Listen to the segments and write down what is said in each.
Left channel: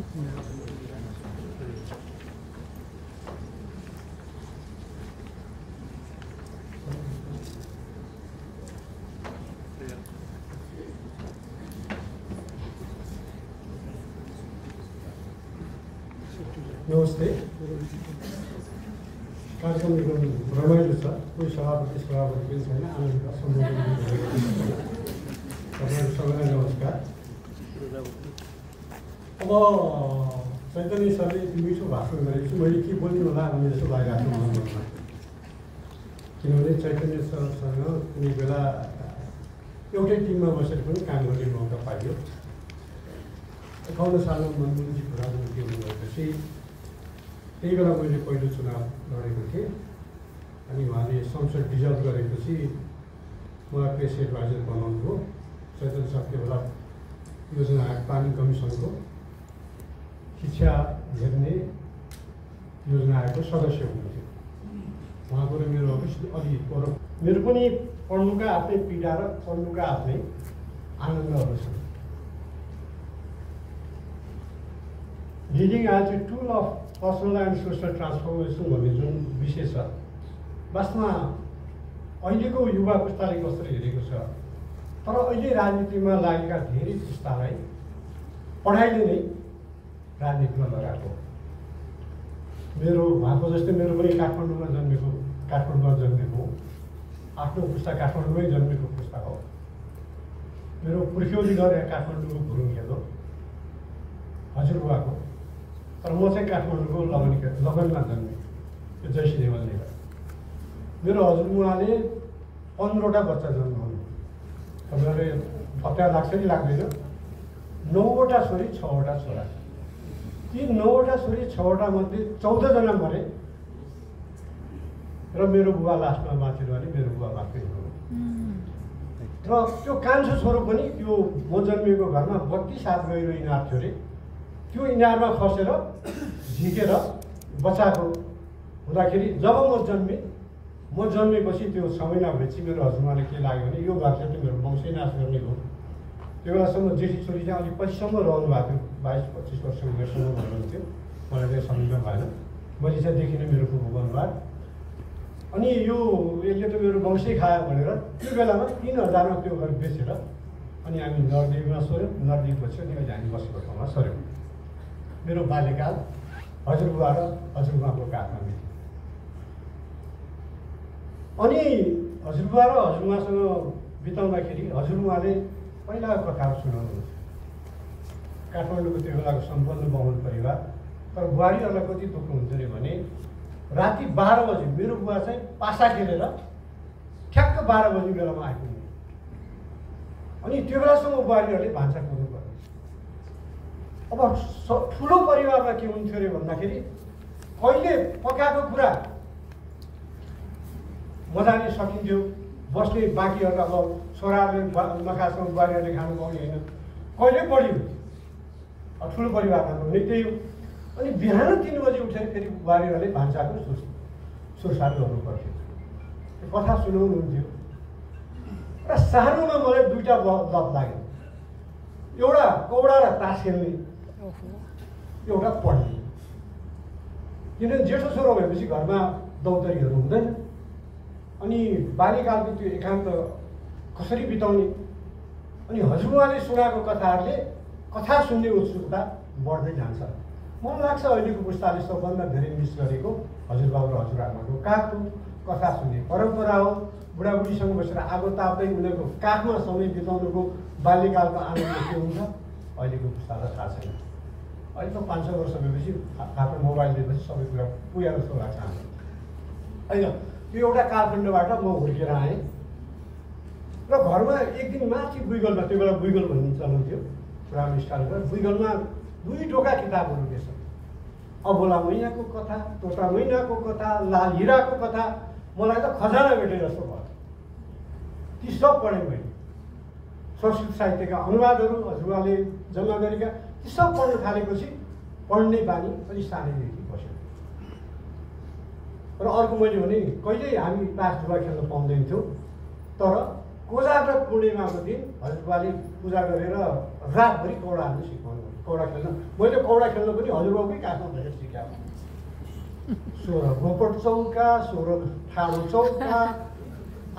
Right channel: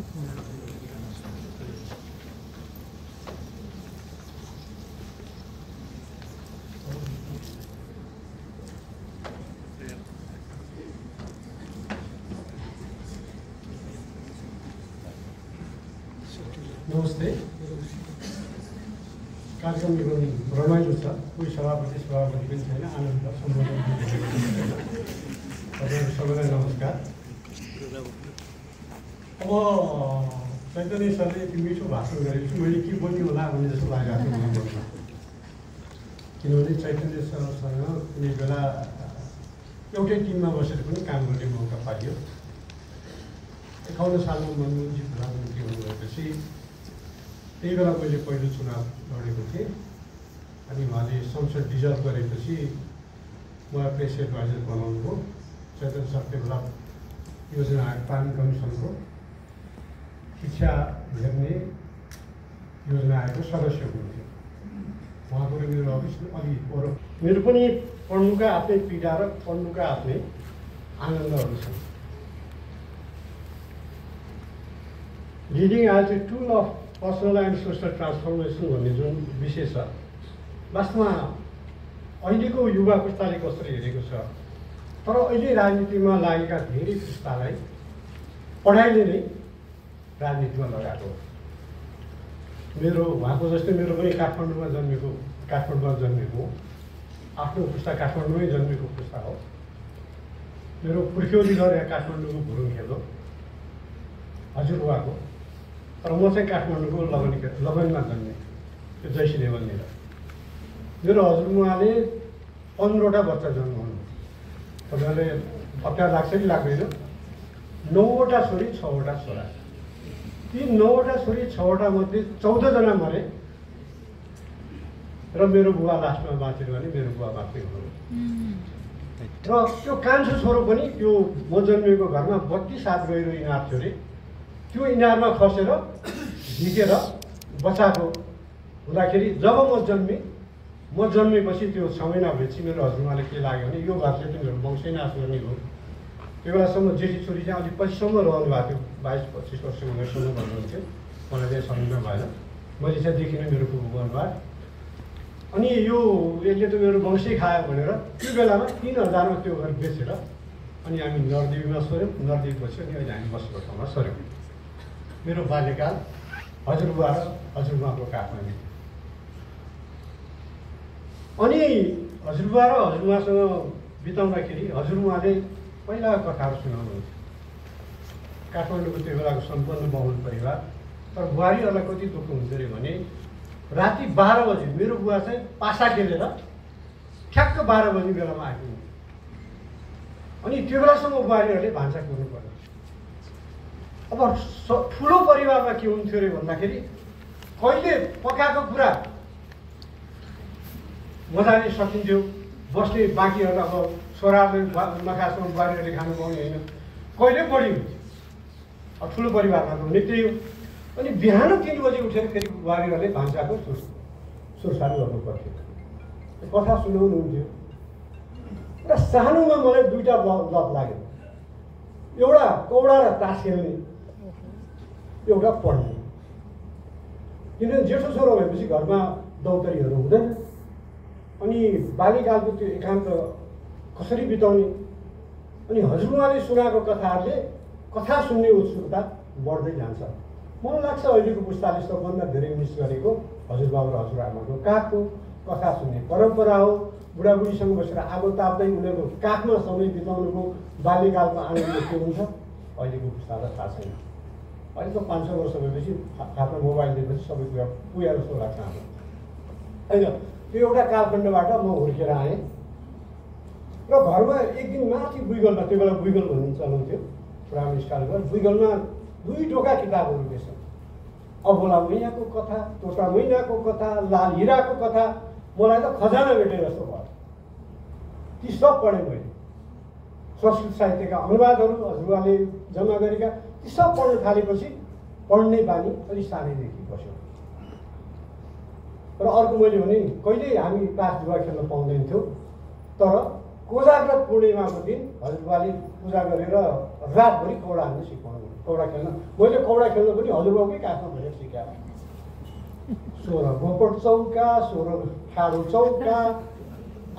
नमस्ते। कार्यक्रम एकदम रमाइलो छ। कोही सभापति पनि छैन, आनन्द सम्बोधन तपाईँहरू सबैलाई नमस्कार। अब चैतन्य सरले यति मिठो भाषण गरेको छु, मैले के बोल्ने होला भन्ने जस्तो लागिरहेको छ। किनभने चैतन्य सरसँग कुनै बेला एउटै टिममा बसेर पनि काम गर्ने मौका पाइयो। 51 सालमा मनमोहनजी प्रधानमन्त्री हुनुभएपछि त्यही बेला मैले पहिलो चुनाव लडेको थिएँ अनि उहाँले संसद डिजल्भ गरेपछि मलाई प्रेस एडभाइजर बनाउनु भयो। चैतन्य सर त्यो बेला योजना पानी कमिसनको शिक्षा हेर्ने योजना आएको सदस्य हुनुहुन्थ्यो। उहाँको र मेरो अफिसले अलि मेरो पनि पढ्नुका आफ्नै पीडा र पढ्नुका आफ्नै आनन्दहरू छन्। Leading as a tool of personal and social transformation भन्ने जुन विषय छ, वास्तवमा अहिलेको युवा पुस्ताले कसरी हेरेको छ, तर अहिले राजनीतिमा लागेका धेरै पुस्तालाई पढाइले नै राजनीतिमा लगाएको। मेरो उहाँको जस्तै मेरो पनि काठमाडौँमा जन्मेको आफ्नो पुस्ता काठमाडौँमै जन्मेको पुस्ता हो। मेरो पुर्ख्यौली घर यहाँ काठमाडौँको भुरुङ खेलो हजुरबुवाको, तर म चाहिँ काठमाडौँको लगनमा जन्मेँ, त्यो जयसी देवलनिर। मेरो हजुरबुवाले 15वटा बच्चा जन्माउनु, तपाईँले पत्ता लाग्छ कि लाग्दैन? 9वटा छोरी 6वटा छोरा। ती 9वटा छोरी 6वटा मध्ये 14 जना मरे र मेरो बुवा लास्टमा बाँचेर भने मेरो बुवा मात्रै हुनु। र त्यो कान्छो छोरो पनि त्यो म जन्मेको घरमा 32 हात गहिरो इनार थियो अरे, त्यो इनारमा खसेर झिकेर बचाएको हुँदाखेरि जब म जन्मेपछि त्यो 6 महिना भएपछि मेरो हजुरआमाले के लाग्यो भने यो घर चाहिँ तिमीहरू वंशै नाश गर्ने हो। त्यो बेलासम्म जेठी छोरी चाहिँ अलिक पछिसम्म रहनु भएको थियो, 22-25 वर्ष उमेरसम्म भन्नुहुन्थ्यो। मलाई चाहिँ सम्झना भएन, मैले चाहिँ देखिनँ मेरो बुबाबाट। अनि यो यसले त मेरो वंशै खायो भनेर त्यो बेलामा 3000मा त्यो घर बेचेर अनि हामी नरदेवीमा सर्यौँ। नरदेवीपछि अनि अहिले हामी बसेको ठाउँमा सर्यौँ। मेरो बाल्यकाल हजुरबुवा र हजुरबुवाको काखमा थियो। अनि हजुरबुवा र हजुरबुवासँग बिताउँदाखेरि हजुरबुवाले पहिला कथाहरू सुनाउनुहुन्थ्यो। काठमाडौँको त्यो बेलाको सम्पन्न बहुल परिवार, तर बुहारीहरूलाई कति दुःख हुन्छ अरे भने राति 12 बजी मेरो बुवा चाहिँ पासा खेलेर ठ्याक्क 12 बजी बेलामा आइपुग्ने। अनि त्यो बेलासम्म बुहारीहरूले भान्सा कुर्नु पर्ने। अब ठुलो परिवारमा के हुन्थ्यो अरे भन्दाखेरि कहिले पकाएको कुरा मजाले सकिन्थ्यो, बस्ने बाँकीहरूलाई अब छोराहरूले नखासम्म बुहारीहरूले खानु पाउने होइन, कहिले बढी हुन्थ्यो। अब ठुलो परिवारमा हुने त्यही हो। अनि बिहान 3 बजी उठेर फेरि बुहारीहरूले भान्साको सुरसार गर्नु पर्थ्यो, कथा सुनाउनुहुन्थ्यो। र सानोमा मलाई 2टा लत लाग्यो, एउटा कौडा र तास खेल्ने, एउटा पढ्ने। किनभने जेठो छोरो भएपछि घरमा दौतरीहरू हुँदैन। अनि बाल्यकालको त्यो एकान्त कसरी बिताउने, अनि हजुरबुवाले सुनाएको कथाहरूले कथा सुन्ने उत्सुकता बढ्दै जान्छ। मलाई लाग्छ अहिलेको पुस्ताले सबभन्दा धेरै मिस गरेको हजुरबाबु र हजुरआमाको काखको कथा सुन्ने परम्परा हो। बुढाबुढीसँग बसेर आगो ताप्दै उनीहरूको काखमा समय बिताउनुको बाल्यकालको आनन्द के हुन्छ अहिलेको पुस्तालाई थाहा छैन। अहिले त 500 वर्ष भएपछि आफ्नो मोबाइल दिएपछि सबै कुरा पुगेर जस्तो लाग्छ होइन। त्यो एउटा कालखण्डबाट म हुर्केर आएँ र घरमा एक दिन माथि बुइगलमा, त्यो बेला बुइगल भन्ने चलन थियो, पुरानो स्टाइलमा बुइगलमा 2 ढोका किताबहरू बेच्छ। अबोला मैनाको कथा, तोटा मैनाको कथा, लाल हिराको कथा, मलाई त खजाना भेटे जस्तो भयो। ती सब पढेँ मैले। संस्कृत साहित्यका अनुवादहरू हजुरबाले जम्मा गरेका ती सब पढ्न थालेपछि पढ्ने बानी अलि सानैदेखि बस्यो। र अर्को मैले भने कहिल्यै हामी तास जुवा खेल्न पाउँदैन थियो, तर कोजाग्रत पूर्णिमाको दिन हजुरबाले पूजा गरेर रातभरि कौडा हाल्नु सिकाउनु, कौडा खेल्न। मैले कौडा खेल्न पनि हजुरबाबुकै काखमा भनेर सिकाएँ। 16 गोपट चौका, 16 ठाडो चौका,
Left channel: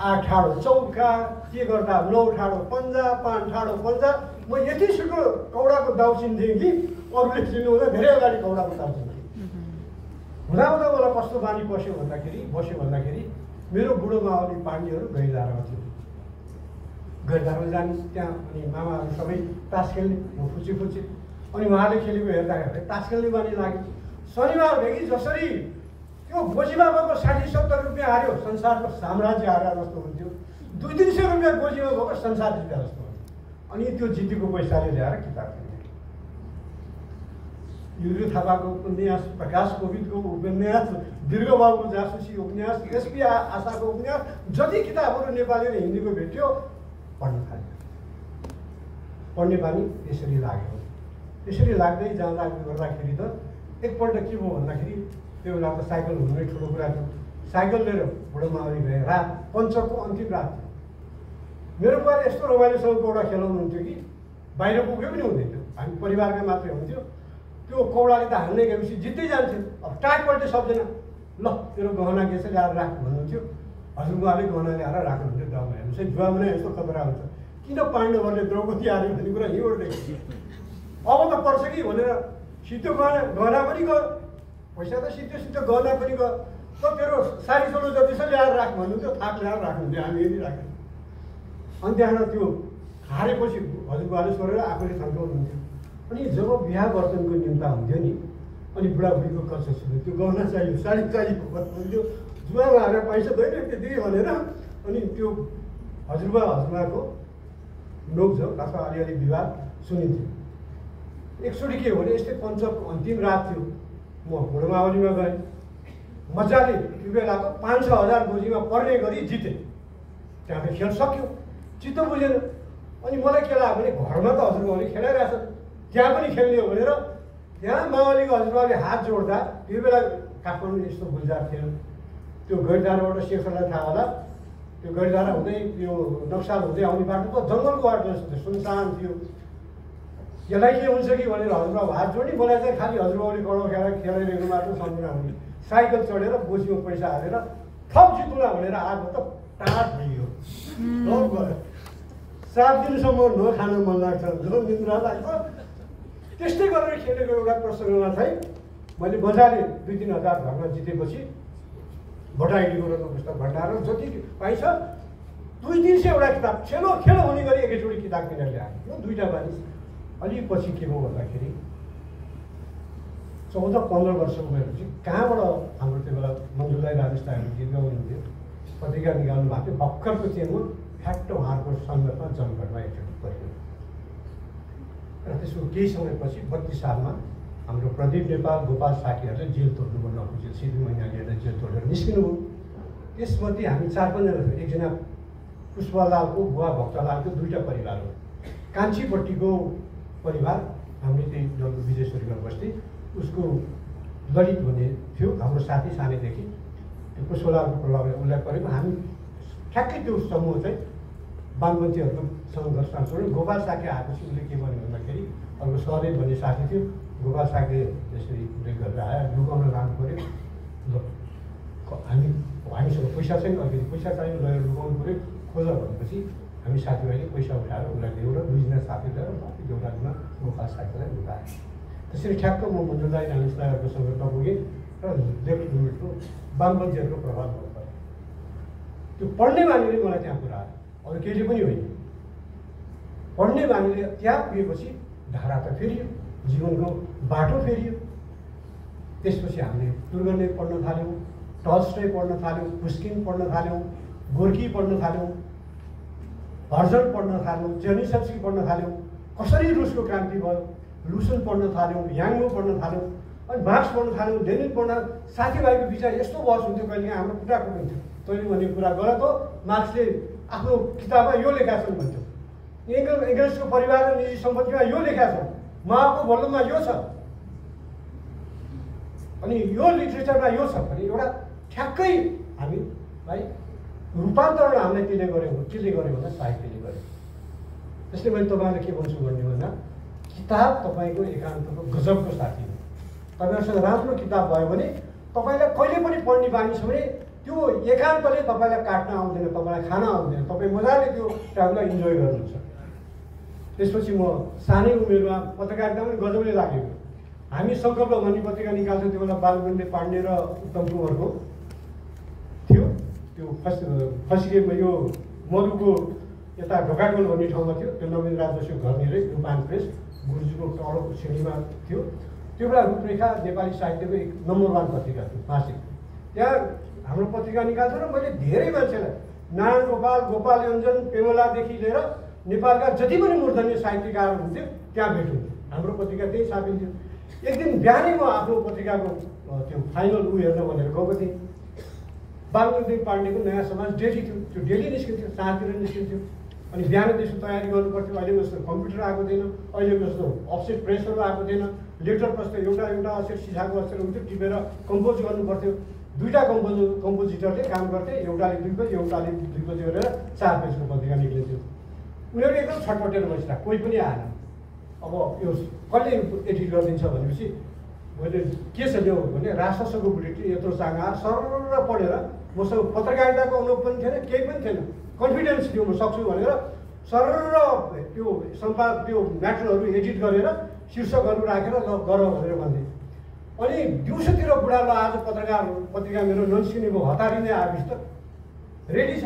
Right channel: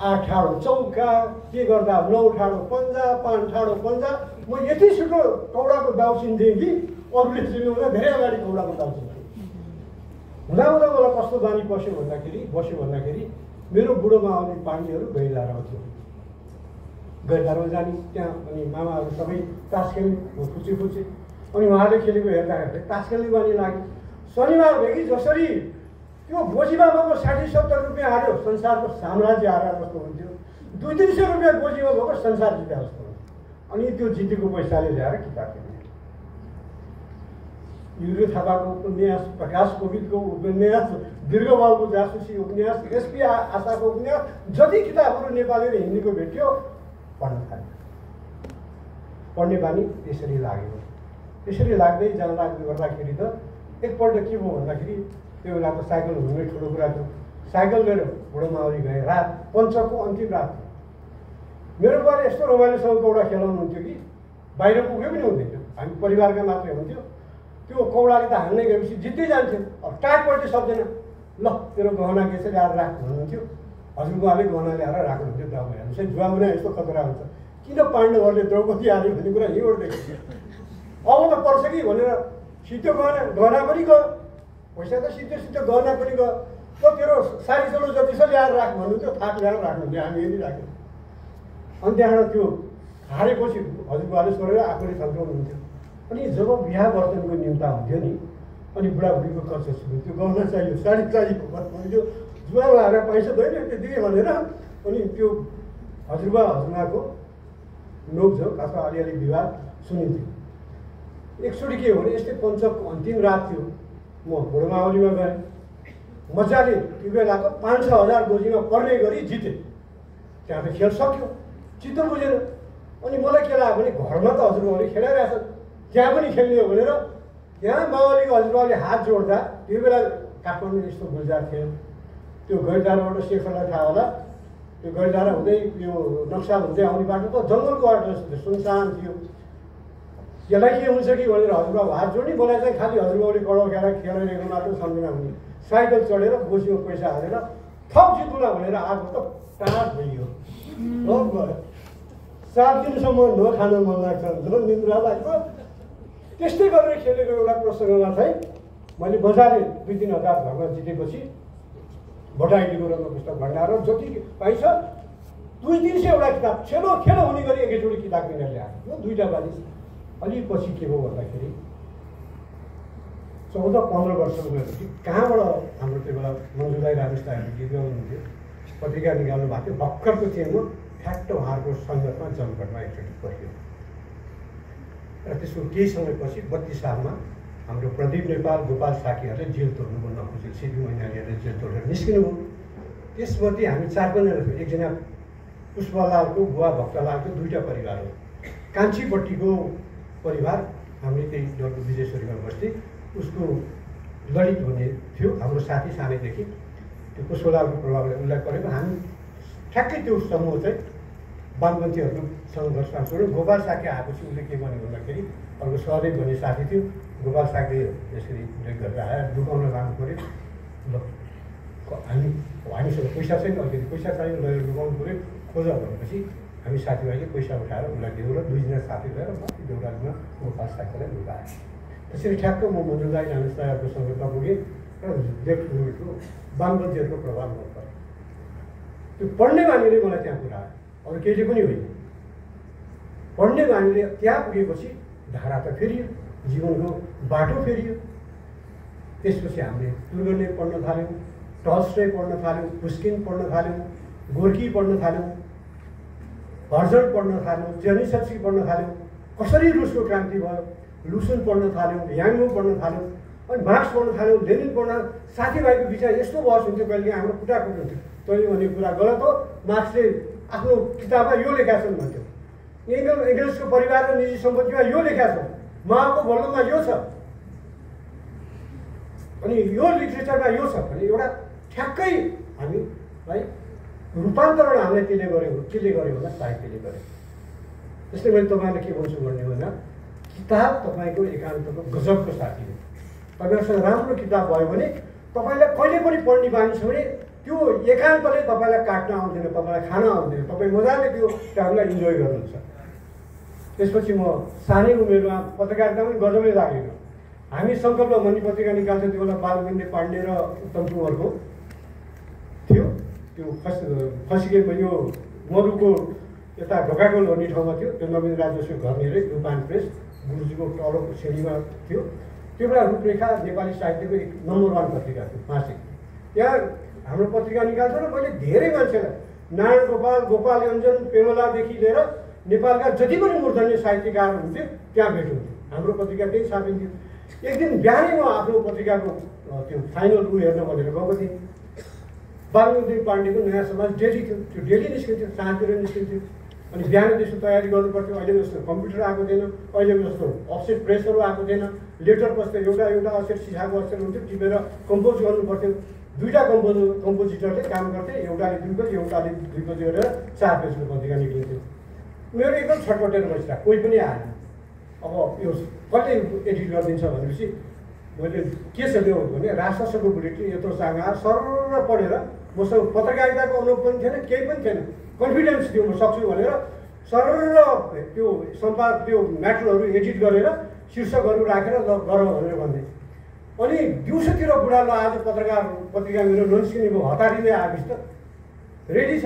8 ठाडो चौका, के गर्दा 9 ठाडो पन्जा, 5 ठाडो पन्जा। म यति छिटो कौडाको दाउ चिन्थेँ कि अरूले चिन्नुहुँदा धेरै अगाडि कौडाको दाउ चिन्थेँ। हुँदा मलाई कस्तो बानी बस्यो भन्दाखेरि मेरो बुढो मावली पार्टीहरू गैरधारामा थियो। गैरधारामा जाने त्यहाँ अनि मामाहरू सबै तास खेल्ने, फुचे अनि उहाँले खेलेको हेर्दाखेरि तास खेल्ने बानी लाग्यो। शनिबार भेगी जसरी त्यो गोजीमा भएको 60-70 रुपियाँ हार्यो संसारको साम्राज्य हारेर जस्तो हुन्थ्यो। 200-300 रुपियाँ गोजीमा भएको संसार जित्दा जस्तो हुन्थ्यो। अनि त्यो जितेको पैसाले ल्याएर किताब किन्ने। युरियो थापाको उपन्यास, प्रकाश कोविदको उपन्यास, दीर्घबाबुको जासुसी उपन्यास, एसपी आशाको उपन्यास, जति किताबहरू नेपाली र हिन्दीको भेट्यो पढ्न थाल्यो। पढ्ने बानी यसरी लाग्यो। यसरी लाग्दै गर्दाखेरि त एकपल्ट के भयो भन्दाखेरि त्यो बेला त साइकल हुनै ठुलो कुरा थियो। साइकल लिएर बुढो मावली गए। रात पञ्चको अन्तिम रात थियो। मेरो बुवाले यस्तो रमाइलोसँग कौडा खेलाउनुहुन्थ्यो कि बाहिर पुग्यो पनि हुँदैन, हामी परिवारकै मात्रै हुन्थ्यो। त्यो कौडाले त हान्दै गएपछि जित्दै जान्थ्यो। अब टाइटपल्टै सक्दैन। ल तेरो गहना के छ ल्याएर राख भन्नुहुन्थ्यो। हजुरबाले गहना ल्याएर राख्नुहुन्थ्यो। दाउमा हेर्नुहोस् है, जुवा भने यस्तो खतरा हुन्छ। किन पाण्डवहरूले द्रौपदी हाल्यो भन्ने कुरा यहीँबाट देखिन्छ। अब त पर्छ कि भनेर सिद्धो गहना पनि गयो, पैसा त सिद्धो गहना पनि गयो। त तेरो साडी चोलो जति छ ल्याएर राख भन्नुहुन्थ्यो। थाक ल्याएर राख्नुहुन्थ्यो, हामी यदि राख्यौँ। अनि त्यहाँबाट त्यो हारेपछि हजुरबाले छोडेर आफूले थन्काउनुहुन्थ्यो। अनि जब बिहा वर्तनको निम्ता हुन्थ्यो नि, अनि बुढाबुढीको कच्छ सुन्यो, त्यो गहना चाहियो, साडी चाहियो भन्नुहुन्थ्यो। जुवा हारेर पैसा दैन त्यतिकै भनेर अनि त्यो हजुरबाको नोकझोक अथवा अलिअलि विवाद सुनिन्थ्यो। एकचोटि के हो भने यस्तै पञ्चको अन्तिम रात थियो। म बुढो मावलीमा गएँ। मजाले त्यो बेलाको 5-6 हजार गोजीमा पर्ने गरी जितेँ। त्यहाँ त खेल सक्यो, चित्त बुझेन। अनि मलाई के लाग्यो भने घरमा त हजुरबाले खेलाइरहेछ, त्यहाँ पनि खेल्ने हो भनेर त्यहाँ मावलीको हजुरबाले हात जोड्दा त्यो बेला काठमाडौँ यस्तो गुल्जार थियो। त्यो गैरधाराबाट शेखरलाई थाहा होला, त्यो गैरधारा हुँदै यो नक्साल हुँदै आउने बाटो त जङ्गलको बाटो जस्तो थियो, सुनसान थियो। यसलाई के हुन्छ कि भनेर हजुरबाबु हात जोड्ने, मलाई चाहिँ खालि हजुरबाबुले कडो खेलाइरहेको बाटो सम्झना हुने। साइकल चढेर गोजीमा पैसा हालेर थप जित्नुला भनेर आएको त टाढ थियो। 7 दिनसम्म नखान मन लाग्छ, निद्रा लाग्छ। त्यस्तै गरेर खेलेको एउटा प्रसङ्गमा चाहिँ मैले मजाले 2-3 हजार घरमा जितेपछि भट्टाइलीको रत्न पुस्तक भण्डार जति पाइन्छ 200-300 किताब खेलो हुने गरी एकैचोटि किताब किनेर ल्याएर यो 2टा बानी। अलि पछि के भयो भन्दाखेरि 14-15 वर्ष उमेरपछि कहाँबाट हाम्रो त्यो बेला मजुलाई राजस्थानले गीत गाउनुहुन्थ्यो, पत्रिका निकाल्नु भएको थियो। भर्खरको चेनमा ठ्याक्क उहाँहरूको सङ्गतमा जमघटमा एकचोटि पऱ्यो। र त्यसको केही समयपछि 32 सालमा हाम्रो प्रदीप नेपाल, गोपाल साकीहरूले जेल तोड्नुभयो, नखुजेल सिपी मैनालीहरूले जेल तोडेर निस्किनुभयो। त्यसमध्ये हामी 4-5 जना थियौँ। एकजना पुष्पलालको बुवा भक्तलालको 2टा परिवार हो। कान्छीपट्टिको परिवार हामीले त्यही डल्बु विजयश्वरीगढ बस्ती, उसको ललित भन्ने थियो हाम्रो साथी सानैदेखि। त्यो पुष्पलालको प्रभावले उल्लेख गरेको हामी ठ्याक्कै त्यो समूह चाहिँ वामपन्थीहरूको सङ्घर्षमा छोड्यो। गोपाल साकी आएपछि उसले के भन्यो भन्दाखेरि अर्को सहदेव भन्ने साथी थियो, गोपाल साकी यसरी उल्लेख गरेर आएर लुकाउन लानु पऱ्यो। ल हामीसँग पैसा छैन, अलिकति पैसा चाहियो, लगेर लुकाउनु पऱ्यो, खोज भनेपछि हामी साथीभाइले पैसा उठाएर उसलाई दियौँ र 2 जना साथी लिएर देउरालीमा गोपाल साकीलाई लुकाएँ। त्यसरी ठ्याक्क म मजुलाई राजस्थानको सङ्गतमा पुगेँ र लेफ्ट मुभमेन्टको वामपन्थीहरूको प्रभावमा परेँ। त्यो पढ्ने बानीले मलाई त्यहाँ पुऱ्यायो, अरू केही पनि होइन। पढ्ने बानीले त्यहाँ पुगेपछि धारा त फेरियो, जीवनको बाटो फेरियो। त्यसपछि हामीले तुर्गेनिभ पढ्न थाल्यौँ, टल्स्टय पढ्न थाल्यौँ, पुस्किन पढ्न थाल्यौँ, गोर्की पढ्न थाल्यौँ, हर्जट पढ्न थाल्यौँ, जेनिसक्सी पढ्न थाल्यौँ। कसरी रुसको क्रान्ति भयो लुसुन पढ्न थाल्यौँ, याङ्गो पढ्न थाल्यौँ, अनि मार्क्स पढ्न थाल्यौँ, लेनिन पढ्न। साथीभाइको बिचमा यस्तो बहस हुन्थ्यो, कहिले हाम्रो कुटाकुट हुन्थ्यो। तैँले भने कुरा गलत हो, मार्क्सले आफ्नो किताबमा यो लेखा छन् भन्थ्यो, एङ्गल्सको परिवार र निजी सम्पत्तिमा यो लेखा छ, माओको भोल्लोमा यो छ, अनि यो लिटरेचरमा यो छ भने एउटा ठ्याक्कै हामीलाई रूपान्तरण हामीले त्यसले गर्यो होला साहित्यले गर्यो। त्यसले मैले तपाईँलाई के भन्छु भन्ने भन्दा किताब तपाईँको एकान्तको गजबको साथी हो। तपाईँहरूसँग राम्रो किताब भयो भने तपाईँलाई कहिले पनि पढ्ने बानी छ भने त्यो एकान्तले तपाईँलाई काट्न आउँदैन, तपाईँलाई खान आउँदैन, तपाईँ मजाले त्यो टाइमलाई इन्जोय गर्नुहुन्छ। त्यसपछि म सानै उमेरमा पत्रकारिता पनि गजबै लागेको। हामी सङ्कल्प भन्ने पत्रिका निकाल्थ्यौँ, त्यो बेला बालगुण्डे पाण्डे र उत्तम कुँवरको थियो। त्यो खसिके यो मधुको यता ढोकागोल भन्ने ठाउँमा थियो। त्यो नवीन राज जोशीको घर हेरे रूपबान प्रेस गुरुजीको तलको श्रेणीमा थियो। त्यो बेला रूपरेखा नेपाली साहित्यको एक नम्बर 1 पत्रिका थियो मासिक। त्यहाँ हाम्रो पत्रिका निकाल्छ र मैले धेरै मान्छेलाई नारायण गोपाल, गोपाल योञ्जन, पेमलादेखि लिएर नेपालका जति पनि मूर्धन्य साहित्यकार हुन्थे त्यहाँ भेट हुन्थ्यो। हाम्रो पत्रिका त्यही छापिन्थ्यो। एक दिन बिहानै म आफ्नो पत्रिकाको त्यो फाइनल हेर्न भनेर गएको थिएँ। बालगुण्डे पाण्डेको नयाँ समाज डेली थियो। त्यो डेली निस्किन्थ्यो, साँझतिर निस्किन्थ्यो। अनि बिहान त्यसो तयारी गर्नुपर्थ्यो। अहिलेको जस्तो कम्प्युटर आएको थिएन, अहिलेको जस्तो अफसेट प्रेसहरू आएको थिएन। लेटर प्रस्तुत एउटा अक्षर सिसाको अक्षर हुन्थ्यो, टिपेर कम्पोज गर्नुपर्थ्यो। 2टा कम्पोजिटरले काम गर्थे, एउटाले 2 पेज एउटाले 2 पेज गरेर 4 पेजको पत्रिका निक्लिन्थ्यो। उनीहरू एकदम छटपटेर बस्दा कोही पनि आएन। अब यो कसले एडिट गरिदिन्छ भनेपछि मैले के छ त्यो भने राष्ट्रसङ्घको बुलेटिन यत्रो चाँगा सरर पढेर मसँग पत्रकारिताको अनुभव पनि थिएन, केही पनि थिएन, कन्फिडेन्स थियो म सक्छु भनेर सरर त्यो त्यो म्याटरहरू एडिट गरेर शीर्षकहरू राखेर ल गरौँ भनेर भन्थे। अनि दिउँसोतिर बुढा ल आज पत्रिका मेरो नन्सिने भयो, हतारी नै आएपछि त रेडी छ।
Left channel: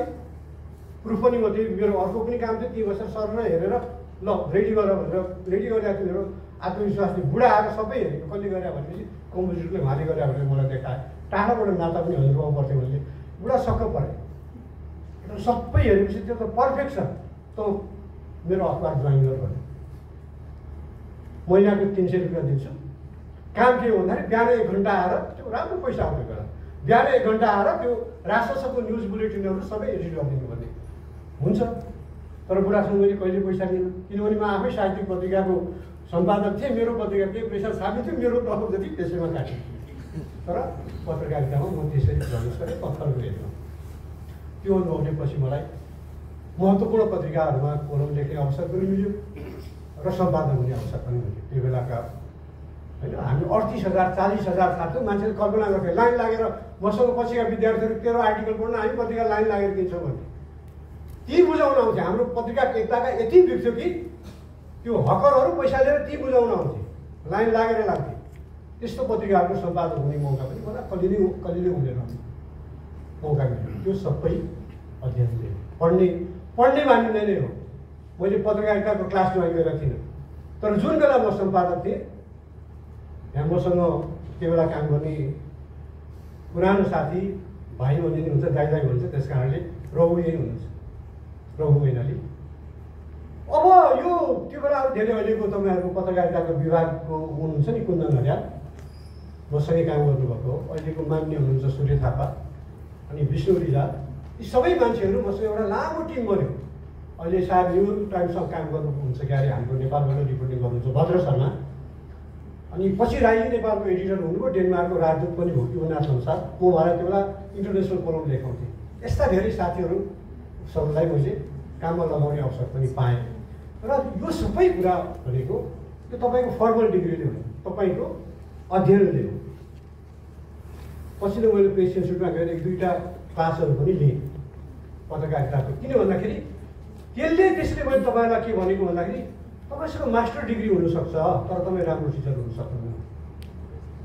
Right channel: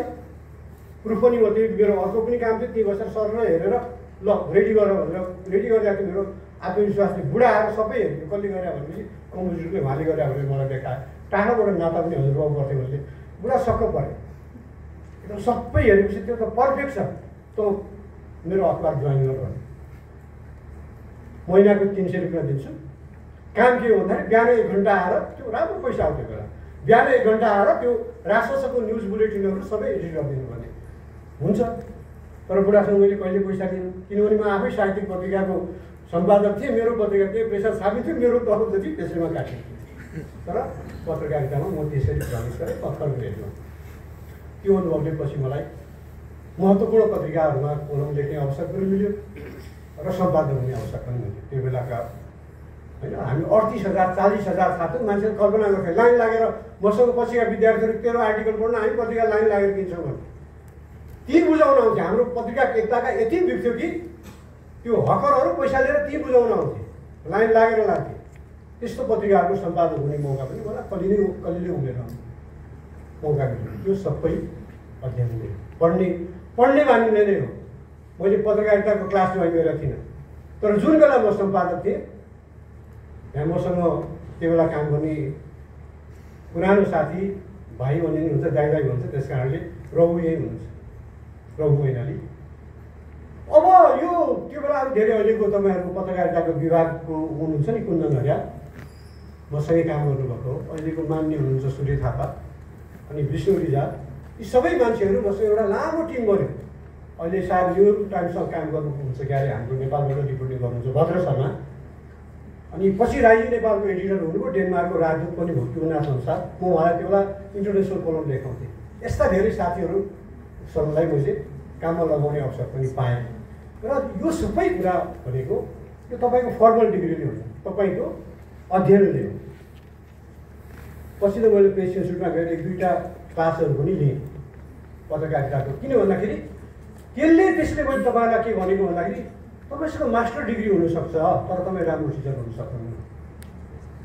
प्रुफ पनि हो, त्यो मेरो अर्को पनि काम थियो। ती बसेर सरर हेरेर ल रेडी गर भनेर रेडी गरिरहेको थियो। मेरो आत्मविश्वासले बुढा आएर सबै हेरेको कसले गरे भनेपछि कम्पोजिटरले उहाँले गरे भनेर मलाई देखायो। टाढाबाट नाता पनि हजुरबाउ पर्थ्यो भने बुढा सक्क पऱ्यो। एकदम सबै हेरेपछि त्यो त पर्फेक्ट छ, त मेरो अखबार जोइन गर भने महिनाको 300 रुपियाँ दिन्छु। काम के हो भन्दाखेरि बिहान 1 घन्टा आएर त्यो राम्रो पैसा आउने बेला बिहान 1 घन्टा आएर त्यो राष्ट्रसङ्घको न्युज बुलेटिनहरू सबै एडिट गरिदिनु भने हुन्छ। तर बुढासँग मैले कहिले पैसा दिनु, किनभने म आफै साहित्यिक पत्रिकाको सम्पादक थिएँ। मेरो पत्रिका केही पैसा छापी थियो, मेरो तलब जति त्यसैमा काटियो। तर पत्रकारितामा म त्यसरी प्रवेश गरेँ, पत्रको हेर्नु। त्यो अनुभवले पछि मलाई महत्त्वपूर्ण पत्रिकाहरूमा कोलम लेख्ने अवसर पनि मिल्यो र सम्पादन हुने अवसर पनि मिल्यो। त्यो बेलाका होइन हामी 38,000 40,000 छाप्थ्यौँ। मान्छेले कल्पना गर्थ्यो लाइन लागेर मसँग पछिका विद्यार्थीहरू तेरो आर्टिकल पढ्न हामी पत्रिका लाइन लागेर किन्छौँ भने ती बुझाउन आउँथे। हाम्रो पत्रिका एकताका यति बिग्थ्यो कि त्यो हकरहरू पैसा लिएर ती बुझाउन आउँथे, लाइन लागेर लाग्थे। त्यस्तो पत्रिकाहरूको सम्पादन हुने मौका पनि मलाई कलिले हुँदैन, मौका मिल्यो। त्यो सबै अध्ययनले पढ्ने बानीले नै हो। मैले पत्रकारिताको क्लास जोइन गरेको थिइनँ, तर जुन बेला म सम्पादक थिएँ यहाँ मसँग त्यो बेला काम गर्ने पुरानो साथी भाइ हुने हुन्छ, दाइ भन्छ, त्यस कारणले रघु यही हुनुहुन्छ, रघु मैनाली। अब यो त्यो बेला अब धेरै अहिलेको तपाईँहरूको पत्रकारिताको विभागको हुनुहुन्छ नि कुन्दन हरियाल, मसँगै काम गर्नुभएको अहिलेको मान्य हुनुहुन्छ सूर्य थापा अनि विष्णु रिजाल। यी सबै मान्छेहरू मसँग एउटा लामो टिम गऱ्यो। अहिले सायद न्युयोर्क टाइम्समा काम गर्नुहुन्छ क्यारे, हाम्रो नेपालबाट रिपोर्टिङ गर्नुहुन्छ भद्र शर्मा। अनि पछि राई नेपालको एडिटर हुनुभयो, डेनमार्कको राजदूत पनि भयो त्यो नाथ अनुसार। म उहाँलाई त्यो बेला इन्टरनेसनल कलम लेखाउँथेँ। यस्ता धेरै साथीहरू सबैलाई मैले काममा लगाउने अवसर पनि पाएँ। र यो सबै कुरा भनेको यो तपाईँको फर्मल डिग्रीले हो, तपाईँको अध्ययनले। पछि त मैले प्रेस इन्स्टिट्युटमा गएर 1-2टा क्लासहरू पनि लिएँ पत्रकारिताको। किन भन्दाखेरि त्यसले मैले तपाईँलाई के भनेको भन्दाखेरि तपाईँसँग मास्टर डिग्री हुनसक्छ तर तपाईँ राम्रो टिचर हुन सक्नुहुन्न।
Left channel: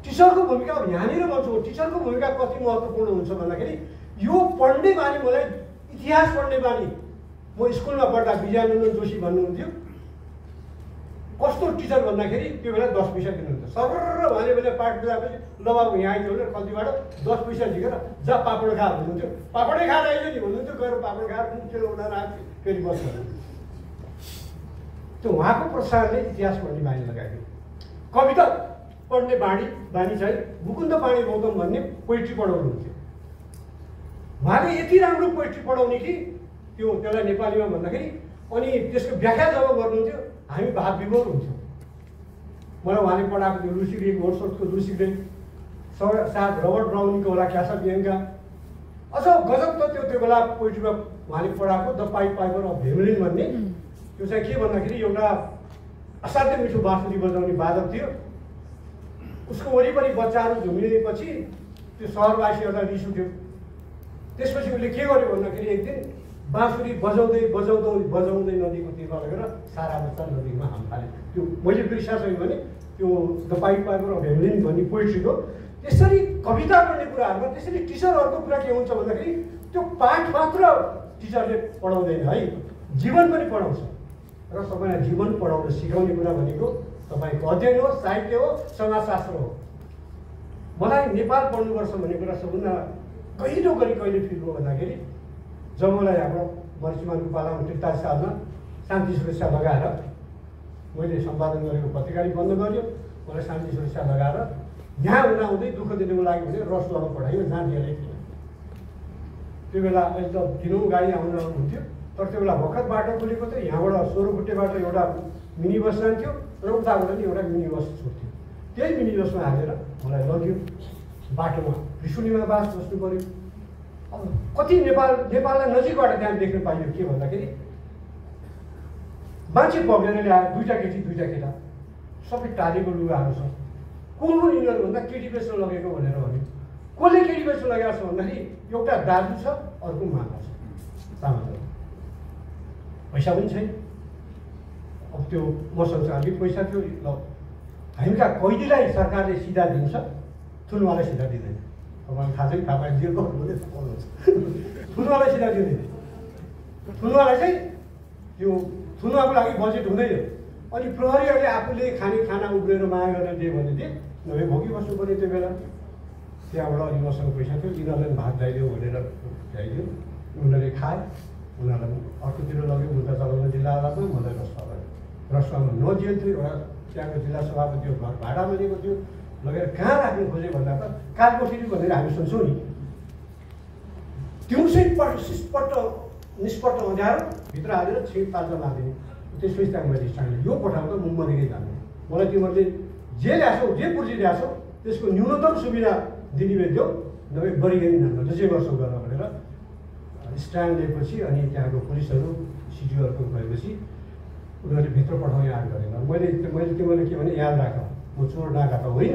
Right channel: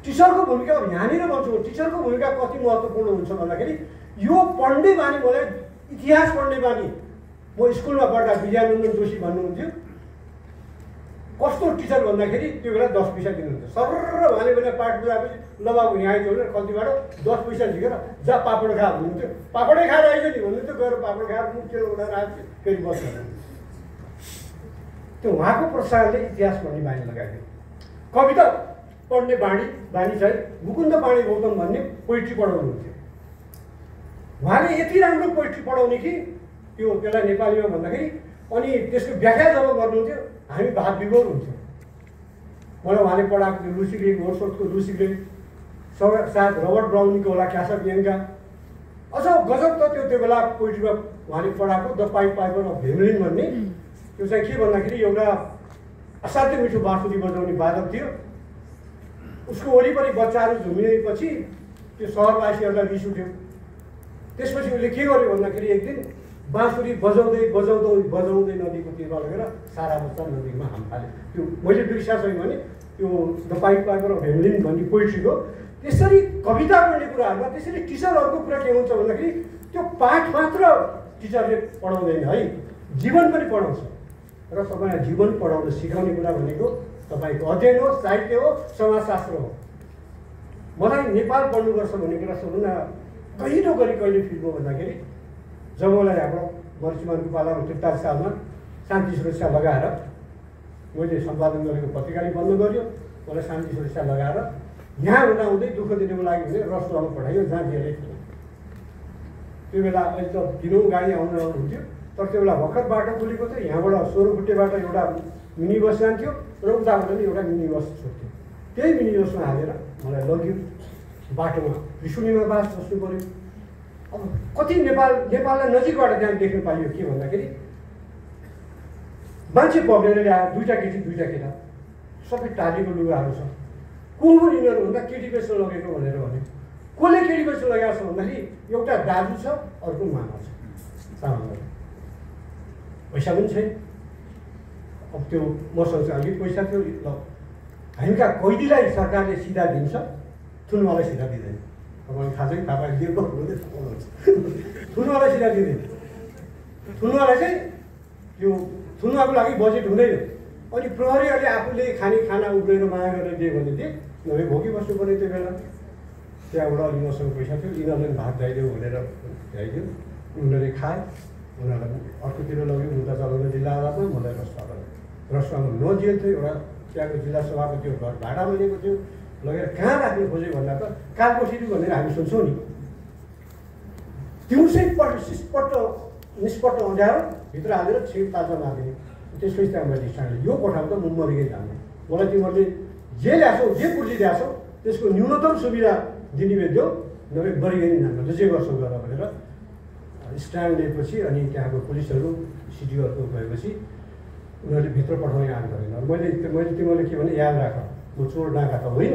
टिचरको भूमिका यहाँनिर भन्छु, टिचरको भूमिका कति महत्त्वपूर्ण हुन्छ भन्दाखेरि यो पढ्ने बानी, मलाई इतिहास पढ्ने बानी। म स्कुलमा पढ्दा विजयानन्दन जोशी भन्नुहुन्थ्यो, कस्तो टिचर भन्दाखेरि त्यो बेला 10 पैसा दिनुहुन्थ्यो। सरर उहाँले बेला पाठ बुझाएपछि ल बाबु यहाँ आइदियो भने कतिबाट 10 पैसा झिकेर जा पापड खा भन्नुहुन्थ्यो। पापडै खाएर आइज नि भन्नुहुन्थ्यो, गएर पापड खाएर मुखेर उडाएर आएको फेरि बस्छ। त्यो उहाँको प्रोत्साहनले इतिहास पढ्ने बानी लगाइदियो। कविता पढ्ने बानी चाहिँ मुकुन्द पाणी गौतम भन्ने पोइट्री पढाउनुहुन्थ्यो। उहाँले यति राम्रो पोइट्री पढाउने कि त्यसलाई नेपालीमा भन्दाखेरि अनि त्यसको व्याख्या जब गर्नुहुन्थ्यो हामी भाव विभोर हुन्थ्यौँ। मलाई उहाँले पढाएको थियो लुसी ग्रे, गोडसोर्टको लुसी ग्रे, सायद रबर्ट ब्राउनीको होला क्यासा बियन्का, अझ गजब त त्यो बेला पोइट्रीमा उहाँले पढाएको the pipe Piper of Hamelin भन्ने त्यो चाहिँ के भन्दाखेरि एउटा असाध्यै मिठो बाँसुरी बजाउने वादक थियो। उसको वरिपरि बच्चाहरू झुमिएपछि त्यो सहरवासीहरूलाई रिस उठ्यो। त्यसपछि उसले के गर्यो भन्दाखेरि एक दिन बाँसुरी बजाउँदै बजाउँदै बजाउँदै नदीको तीरमा लगेर सारा बच्चा नदीमा हाम फाल्यो। त्यो मैले बिर्सा छैन भने त्यो the pipe Piper of Hamelin भन्ने पोइट्रीको त्यसरी कविता पढ्ने कुराहरूमा त्यसरी टिचरहरूको कुरा के हुन्छ भन्दाखेरि त्यो पाठ मात्र टिचरले पढाउँदैन है, जीवन पनि पढाउँछ। र तपाईँलाई जीवन पढाउन सिकाउने कुरा भनेको तपाईँको अध्ययन हो, साहित्य हो, समाजशास्त्र हो। मलाई नेपाल पढ्नुपर्छ भन्ने कुरा सबभन्दा कहिलो गरी कहिले फिल भयो भन्दाखेरि जब मलाई हाम्रो मरिचमानको पालामा 43 सालमा शान्ति सुरक्षा लगाएर मैले सम्पादन गरेको पत्रिका बन्द गर्यो। मलाई शान्ति सुरक्षा लगाएर यहाँ हुँदाहुँदै दुःख दिनुको लागि भने रसुवामा पठाइयो जहाँ जेलै थियो। त्यो बेला अहिले त दिनौँ गाडी आउनु हुन्थ्यो, तर त्यो बेला भर्खर बाटो खुलेको थियो। यहाँबाट 16 फुटेबाट एउटा मिनी बस जान्थ्यो र उताबाट पनि एउटा मिनी बस छोड्थ्यो। त्यही मिनी बसमा हालेर मलाई लग्यो। बाटोमा त्रिशुलीमा बास बस्नु पऱ्यो। अब कति नेपाललाई नजिकबाट त्यहाँ देख्न पाइयो के भन्दाखेरि मान्छे पगेर ल्याएर दुईवटा केटी दुईवटा केटा सबै टालेको लुगाहरू छ। को हो यिनीहरू भन्दा केटी बेच्न लगेको भनेर भन्यो। कसले केटी बेच्न लगेको छ भन्दाखेरि एउटा दाजु छ, अर्को मामा छ, सामान्य पैसा पनि छैन। अब त्यो मसँग चाहिँ अलिक पैसा थियो। ल हामीका कैदीलाई सरकारले सिधा दिन्छ, थुनवालाई सिधा दिँदैन। तपाईँलाई थाहा छैन, थाहा दिएको थुनवालाई सिधा दिँदैन। थुनवालाई चाहिँ त्यो थुनवाको लागि बजेट हुँदैन। अनि प्रहरीहरूले आफूले खाने खाना उब्रेर माया गरेर दियो भने चाहिँ नभए भोगी बस्नु पर्ने त्यो बेला। त्यहाँबाट अलिक मसँग पैसा थियो, यिनीहरूलाई भात ल्याइदियो भनेर ल्याइदियो। उनीहरूले खाए, उनीहरूलाई अर्कोतिर लग्यो उल्टा चलाउनु जिल्ला अदालतमा, मलाई रसुवामा नजेल थियो। एउटा त्यहाँको जिल्ला सभापतिको घर भाडा मिलेको थियो, लगेर कहाँ राख्नु खोज्यो भन्दा त कालकोठरी भनेर हामी सुन्छौँ नि। दिउँसै सिस्पट्ट निष्पट्ट अँध्यारो भित्र हालेर छिट ताजा मारिदिने। त्यसपछि त्यहाँ मैले स्ट्यान्ड यो पठाएको त म मरिकै जान्छु। मलाई तिमीहरूले जे ल्याछौ, जे पुर्जी ल्याछौ त्यसको न्यूनतम सुविधा दिने देऊ, नभए गरिगरी नामले जे गर्छौ गर भनेर स्ट्यान्ड लिएपछि अनि त्यहाँको पुलिसहरू सिडिओहरूको गएपछि उनीहरूले भित्र पठाउने आँट गरेन। मैले तिमीहरूले के भने याद राख, म चोर डाका त होइन,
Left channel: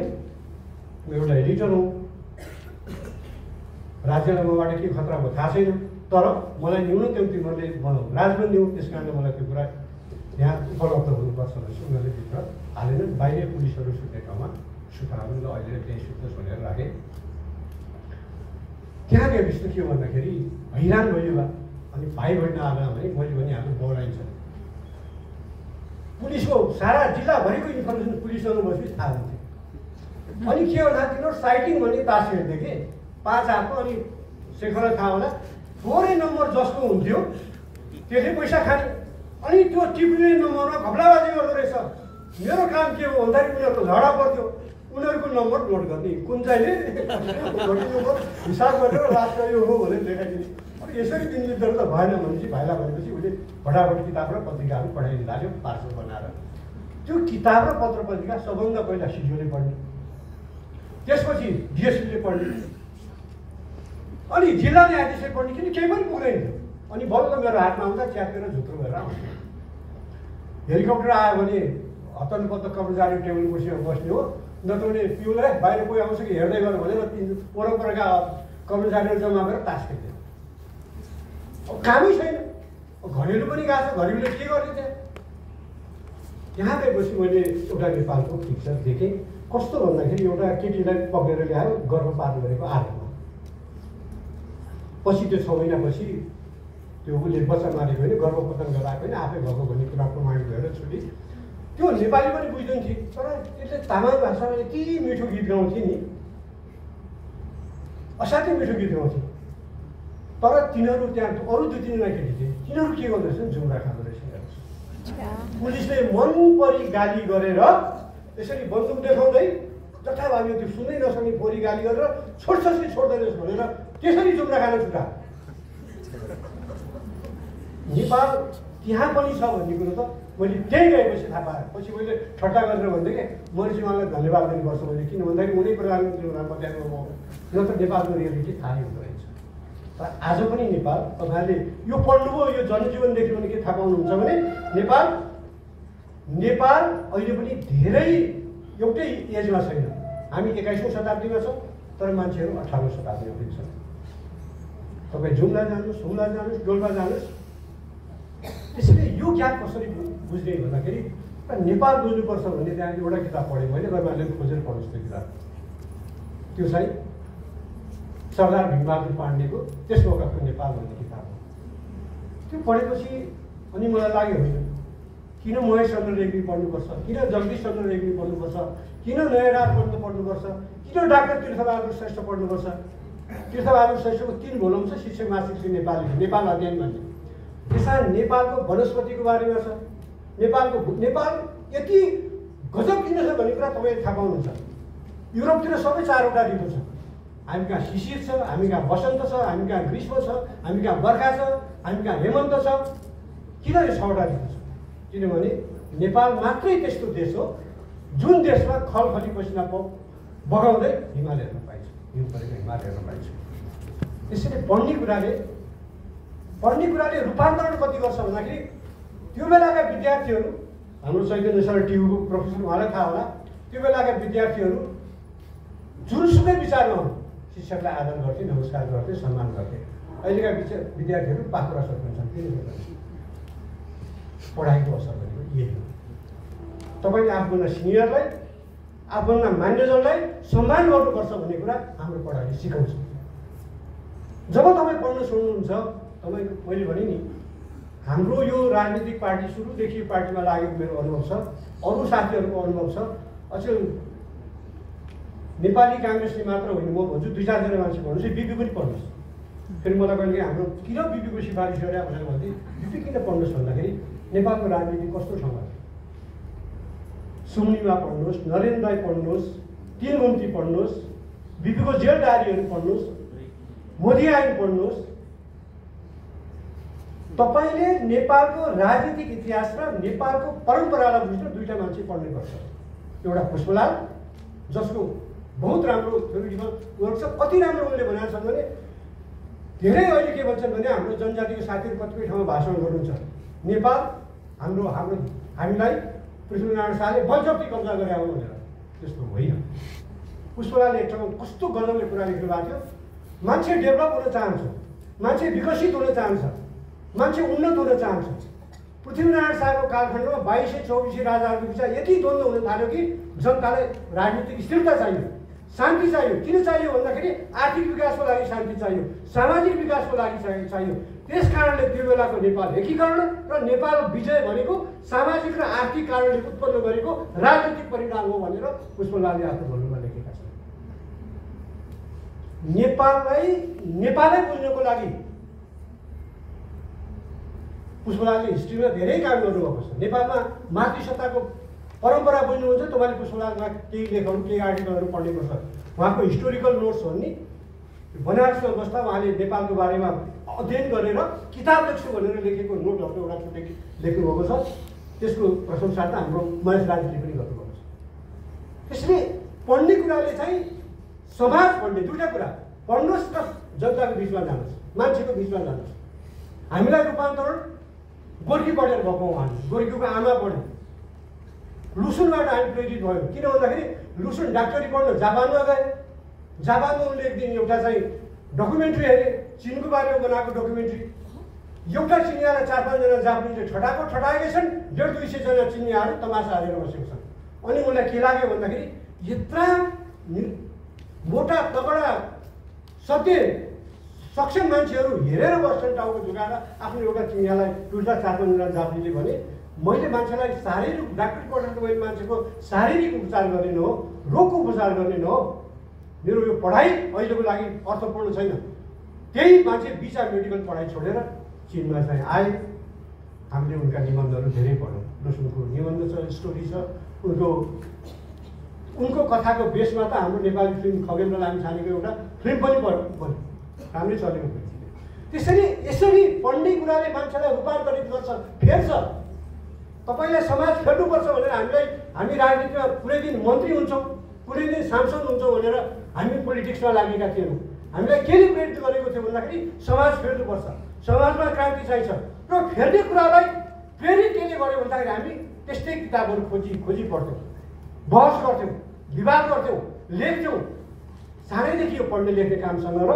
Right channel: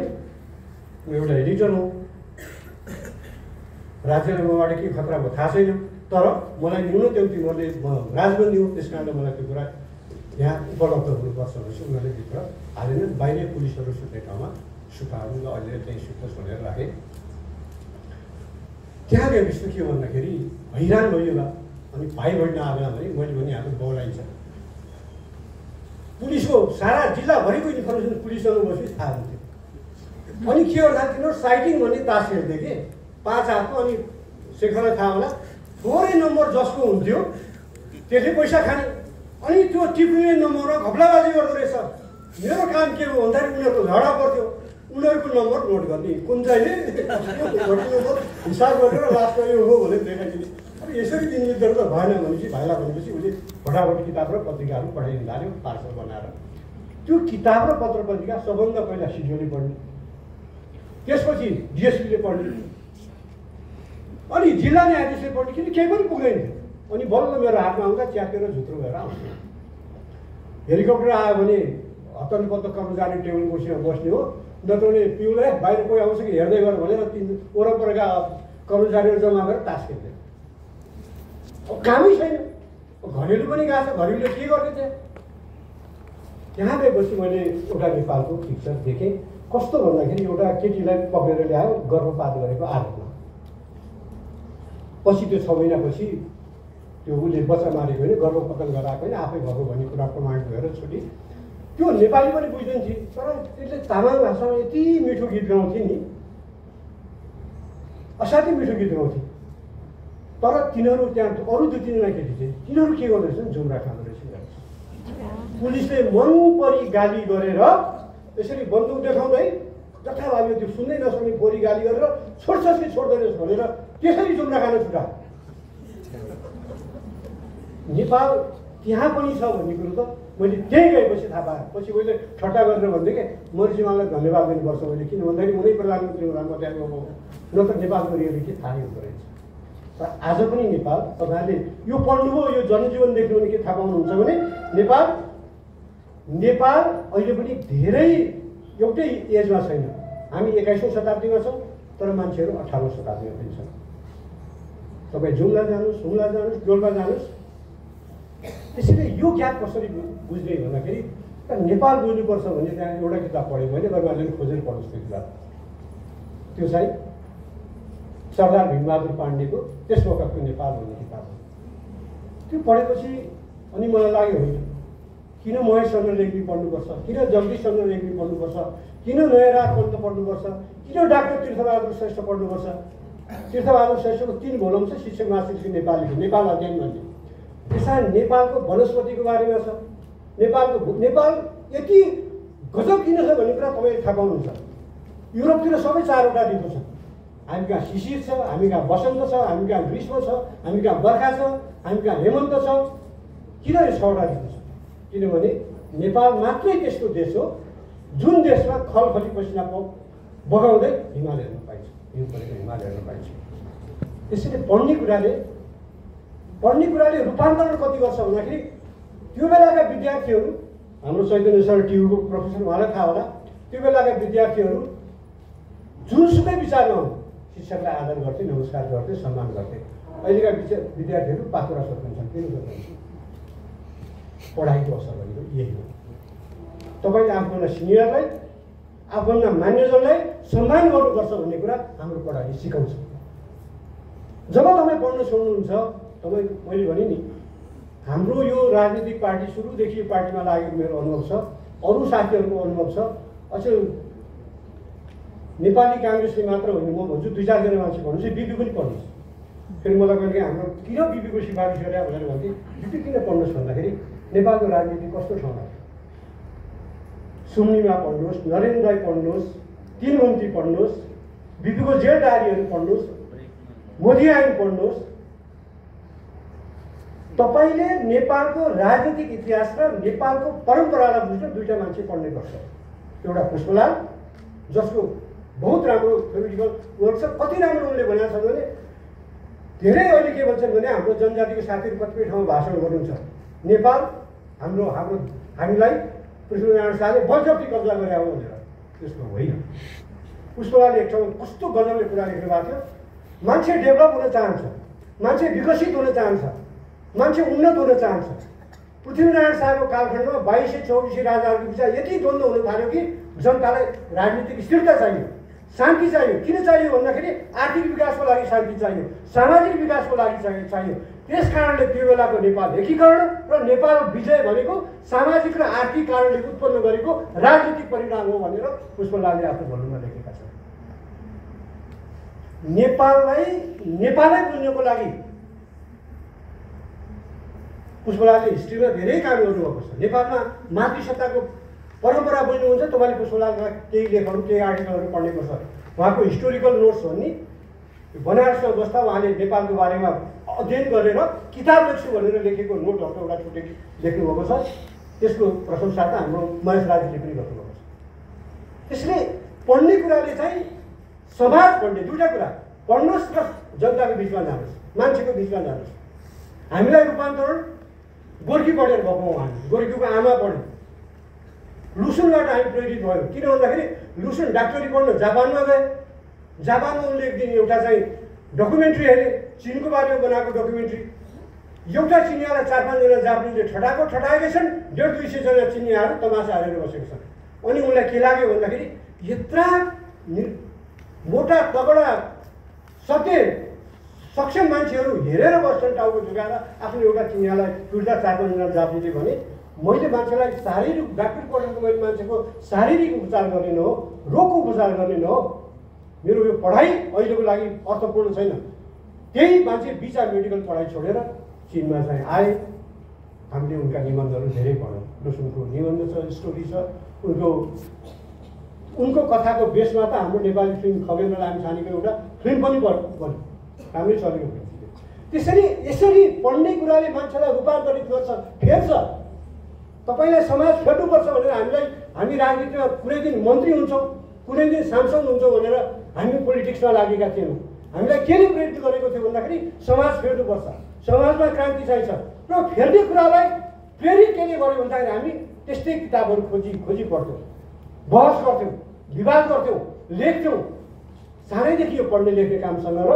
म एउटा एडिटर हो। राज्यलाई मबाट के खतरा भयो थाहा छैन, तर मलाई न्यूनतम तिमीहरूले बनाऊ राजबन्दी हो। त्यस कारणले मलाई त्यो कुरा यहाँ उपलब्ध हुनुपर्छ भनेपछि उनीहरूले भित्र हालेन। बाहिर पुलिसहरू सुत्ने ठाउँमा सुकाउनु ल अहिले त्यही सुत्नुहोस् भनेर राखेँ। त्यहाँ गएपछि त के हो भन्दाखेरि हैरान भयो बा। अनि भाइ बहिनी आएन भने मैले पनि हाम्रो बौलाइन्छ। पुलिसको सारा जिल्लाभरिको इन्फर्मेसन पुलिससँग बसेपछि थाहा हुन्थ्यो। अनि के गर्दा तिनीहरू साइटिङ भन्ने तास खेल्थ्यो कि 5 हातको। अनि शेखरलाई थाहा होला, थोरै नम्बर जसको हुन्थ्यो त्यसले पैसा खाने। अनि त्यो टिप्ने नम्बरमा घपलाबाजी गर्दो रहेछ। मेरो काम के हो भन्दाखेरि उनीहरूको झगडा पर्थ्यो, उनीहरूको नम्बर नोट गर्ने, कुन चाहिँले हिसाब गरेर लास्ट यो हो भनेर देखाइदिने। अनि यसरी तिनीहरू त भएन भनेपछि भाइलाई भनेपछि उसले फटाफट किताब र पत्रिकाहरू पठाइदिनु थाल्यो पार्सल बनाएर। त्यो किताब र पत्र पत्रिका सबभन्दा पहिला सिडिओले पढ्ने, त्यसपछि डिएसपीले पढ्ने, अनि जिल्ला न्यायाधीशले पढ्ने। किन केही पनि पुग्दैन थियो। अनि बल्ल मेरो हातमा आउँदा च्यापेर झुत्रो भएर आउँथ्यो। हेलिकप्टर आयो भने हत्तनपत्त कर्मचारी टेबल कुर्सीमा बस्ने हो, नत्र भने पिउलाई बाहिर कोही आउँछ कि हेर्दै गर भनेर वरपरका कर्मचारीहरू जम्मा गरेर तास खेल्थ्यो। अब कामै छैन, घरेलु पनि गएको छ, घरेलुले के गर्ने थियो। त्यहाँ गएपछि मैले एउटा नेपालको पिक्चर देखेँ। कस्तो भन्दाखेरि एउटा केटीलाई पकेर ल्यायो गर्भपात गरेको आरोपमा। पछि त्यो 6 महिनापछि त्यो उसले बच्चा मारेको होइन, गर्भपतन गराएको होइन, आफै भएको भन्ने कुरा प्रमाणित भएर छुटी। त्यो नेपाली पनि बुझ्दैन थिएँ, तर त्यसले तामाङ भाषामा यति मिठो गीत गाउँथे नि, असाध्यै मिठो गीत गाउँथे। तर तिनीहरू त्यहाँ अरू 2-3जना केटी थिए, तिनीहरू के गर्दो रहेछन्, जुम्रा खाँदो रहेछ। पुलिसले मन परी गाली गरेर यसरी बन्दुक देखाउँदै जथाभावी त्यो सुन्दै नसक्ने परी गाली गरेर छोड्छस् कि छोड्दैनस् भनेर त्यसरी जुम्रा खान छुटा। नेपाल त्यहाँ पनि छ भन्ने कुरो त मैले त्यहीँ गएपछि थाहा पाएँ। पछि मैले ठट्टा गरेर भन्थेँ कि मरिजीमानलाई धन्यवाद दिनुपर्छ मैले, किन भन्दाखेरि उनी प्रधानमन्त्री हुँदा म त्यहाँ गएको, न त नेपालको रियालिटी थाहै हुँदो रहेछ। तर आज पनि नेपाल तपाईँहरूले यो पढ्नुभयो, यो जनजीवन देख्नु भने के थाहा पाउनुहुन्छ भने नेपाल अहिले पनि धेरै एउटै एजमा छैन। हामी 21औं शताब्दीमा छौँ, तर मान्छेहरू 18औं शताब्दीमा पनि छन्। तपाईँ जुम्ला जानुहोस्, हुम्ला जानुहोस्, डोल्पा जानुहोस्। त्यसैले यो ग्याप कसरी बुझ्ने भन्दाखेरि नेपाल बुझ्नुपर्छ भने त्यहाँ एउटा किताब पढेँ मैले, तपाईँहरूले खोजेर पढ्नुहोस् त्यो किताब। त्यो चाहिँ सरदार भीमबहादुर पाण्डेको त्यस वखतको नेपाल भन्ने किताब हो। त्यो पढेपछि अनि मलाई लाग्यो होइन, किन महेशचन्द्र रेग्मी पढ्नुपर्छ, किन जगदीशचन्द्र रेग्मी पढ्नुपर्छ, किन नयनराज पन्त पढ्नुपर्छ, किन डाक्टर तीर्थबहादुर श्रेष्ठ पढ्नुपर्छ। तीर्थबहादुर श्रेष्ठको 3 भोल्युम छ शिक्षक मासिक नेपालीको, नेपाल अध्ययन भन्ने। त्यसमा नेपालको वनस्पतिको बारेमा छ। नेपाल यति गजब किन छ भन्ने कुरा तपाईँले थाहा पाउनुहुन्छ। युरोपतिर सबै 4वटा ऋतु छ। हामी कहाँ शिशिर छ, हामी कहाँ वसन्त छ, हामी कहाँ ग्रीष्म छ, हामी कहाँ बर्खा छ, हामी कहाँ हेमन्त छ। किन यो 6वटा ऋतु छ? किनभने नेपाल मात्रै त्यस्तो देश हो जुन देशमा खलखली पसिना बगाउँदै हिमाल हेर्न पाइन्छ, हिउँ परेको हिमाल हेर्न पाइन्छ। त्यसैले पढ्ने कुराले रूपान्तरण कति गर्छ भन्दाखेरि त्यो बेलाका विद्यार्थीहरू, हाम्रो चैतन्य सर टियुको प्रोफेसर, उहाँलाई थाहा होला, त्यो बेलाका विद्यार्थीहरू जुनसुकै विचारमा हो शिक्षकलाई आदर गर्थे, नमस्कार गर्थे, सम्मान गर्थे। अहिलेका विद्यार्थीहरू पाखुरा सोध्छन्। किन सोध्छन्? पढाइको असर भनेको यही हो। तपाईँले आफूभन्दा सिनियरलाई, आफूभन्दा मान्यजनलाई सम्मान गर्नुपर्छ भन्ने कुरा हाम्रो पढाइले सिकाउँछ। जब तपाईँ पढ्न छोड्नुहुन्छ, मैले भने नि, हाम्रो यो राजनीतिक पार्टी सुरुदेखि पार्टीमा लागेको मेरो अनुभव छ, अरू साथीहरूको अनुभव छ। अचेल नेपाली काङ्ग्रेसले मात्र होइन, म भन्छु 2-4 जना मान्छे भन्नुहोस्, बिपी पनि पढ्नुहोस्। फेरि मलाई कहिले हाम्रो किन बिपीको सिफारिस गरे भनेर भन्थे। बिपी किन पढ्नुहोस् भन्दाखेरि नेपालको राजनीति कस्तो ठाउँमा, सुम्निमा पढ्नुहोस्, नरेन्द्र दाई पढ्नुहोस्, 3 घुम्ती पढ्नुहोस्, बिपीको जेल डायरीहरू पढ्नुहोस्, मोदी आइन पढ्नुहोस्। तपाईँले नेपालको राजनीतिक इतिहास र नेपालको परम्परालाई बुझ्न 2टा मान्छे पढ्नै पर्छ। एउटा पुष्पलाल, जसको बहुत राम्रो थ्योरिटिकल वर्क छ। कति राम्रो उनले भनेको छ भने धेरै अहिले के भन्छन् भने हाम्रो जनजातिको साथीहरू कतिपय ठाउँमा भाषण गर्नुहुन्छ, नेपाल हामीलाई पृथ्वीनारायण शाहले बलजफ्ती कब्जा गरे हो भनेर। त्यस्तो होइन। पुष्पलालले एक ठाउँ कस्तो गजबले कुरा लेख्नु भएको थियो, मान्छे डेभलप हुन चाहन्छ, मान्छे विकसित हुन चाहन्छ, मान्छे उन्नत हुन चाहन्छ। पृथ्वीनारायण शाहको कालखण्डमा 2224 राजाहरूको बिच यति द्वन्द्व हुन थाल्यो कि जनतालाई राजनीतिक स्थिरता चाहियो, शान्ति चाहियो। किन चाहियो भन्दाखेरि आर्थिक विकासको लागि शान्ति चाहियो, सामाजिक विकासको लागि चाहियो। त्यस कारणले त्यो बेलाको नेपाल एकीकरण र नेपाल विजय भनेको सामाजिक र आर्थिक कारणले उत्पन्न गरेको राजनीतिक परिणाम हो भनेर पुष्पलालले आफ्नो भोल्युममा लेखेका छन्। नेपालै बुझ्नको लागि पुष्पलालले हिस्ट्रीमा धेरै काम गर्नुभएको छ। नेपालमा मातृसत्ताको परम्परा बुझ्नुहुन्छ, तपाईँले पुष्पलालका केही लेखहरू, केही आर्टिकलहरू पढ्नुपर्छ। उहाँको हिस्टोरिकल नोट्स भन्ने बनारसमा बस्दा उहाँले नेपालको बारेमा अध्ययन गरेर किताब लेख्छु भनेर लेखेको नोटहरूको एउटा छुट्टै लेख्नुभएको छ। त्यसको प्रशंसा त हाम्रो महेश राजले पनि गर्नुभएको छ। त्यसले पढ्ने कुराले चाहिँ समाज पढ्ने 2टा कुरा पढ्नुहोस् र जनताको बिचमा जानुहोस्, मान्छेको बिचमा जानुहोस्। हामीलाई रूपान्तरण गोर्खी पढेर भएको उहाँले, गोर्खीको आमा पढ्यो, लुसुनबाट हामी प्रेरित भयो। किन भन्दाखेरि लुसुन डाक्टरी पढ्न जापानमा गए। जापानमा उनले एक दिन एउटा चाहिँ डकुमेन्ट्री हेरे, चिनको बारेमा बनाएको डकुमेन्ट्री। एउटा चिनिया र 4-5 जना जापानीले ठटाएकै छन्, 150-200 जना चिनियाहरू तमासा हेरेर बसेको छन्। अनि उनलाई के लाग्यो भन्दाखेरि यत्रा मोटा तगडा सक्षम मान्छेहरू हेरेर बस्छन् टाउको झुकाएर। आफ्नो एउटा चिनियालाई 2-4-5 जना जापानीले भने, मैले मान्छेलाई शारीरिक डाक्टरी पढेको मैले मान्छेको शारीरिक उपचार गर्ने न हो, रोगको उपचार गर्ने न हो। मेरो यो पढाइ अहिलेको लागि अर्थपूर्ण छैन। त्यही मान्छे बिचा मेडिकल पढाइ छोडेर चिनमा चाहिँ आए। हामीले उनका निबन्धहरू धेरै पढ्यौँ। लुसुनको निबन्ध छ, स्टोरी छ, उनको कथाको बेसमा त हाम्रो नेपाली फिल्म खगेन्द्र लामिछानेको एउटा फिल्म पनि बन्यो, राम्रै चलेको फिल्म। यसरी पढ्ने कुराले मान्छेलाई रूपान्तरित गर्छ, फेर्छ। तपाईँलाई समाज फेर्नुपर्छ भनेर हामी राजनीतिमा कुनै दिन मन्त्री हुन्छौँ, कुनै दिन सांसद हुन्छौँ भनेर हामी पोलिटिक्समा लागेका थियौँ। हामीलाई केले प्रेरित गरेको थियो भन्दाखेरि समाज फेर्नुपर्छ, समाजमा क्रान्ति चाहिन्छ र फेर्ने कुरालाई प्रेरित केले गर्यो भन्दाखेरि हामी त्यस्तै किताबहरू खोजी पढ्थ्यौँ, बहस गर्थ्यौँ, विवाद गर्थ्यौँ, लेख्थ्यौँ। सानैदेखि यो पढ्ने लेख्ने कामसँग र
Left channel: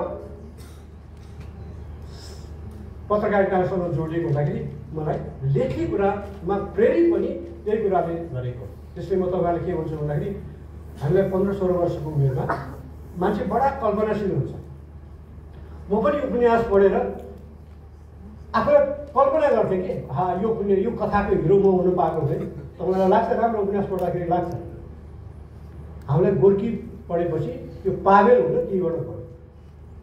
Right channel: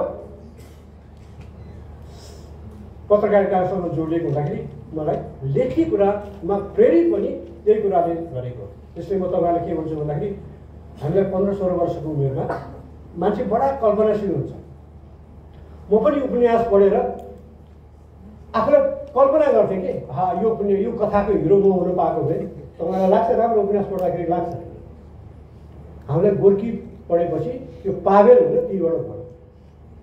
पत्रकारितासँग जोडिएको हुँदाखेरि मलाई लेख्ने कुरामा प्रेरित पनि यही कुराले गरेको। त्यसले म तपाईँलाई के भन्छु भन्दाखेरि हामीलाई 15-16 वर्षको उमेरमा मान्छे बडा कल्पनाशील हुन्छ। म पनि उपन्यास पढेर आफूलाई कल्पना गर्थेँ कि यो कथाको हिरो म हुनु पाएको भए। तपाईँलाई लाग्छ राम्रो उपन्यास पढ्दाखेरि लाग्छ। हामीलाई गोर्की पढेपछि त्यो पावेल हुन तीबाट भयो।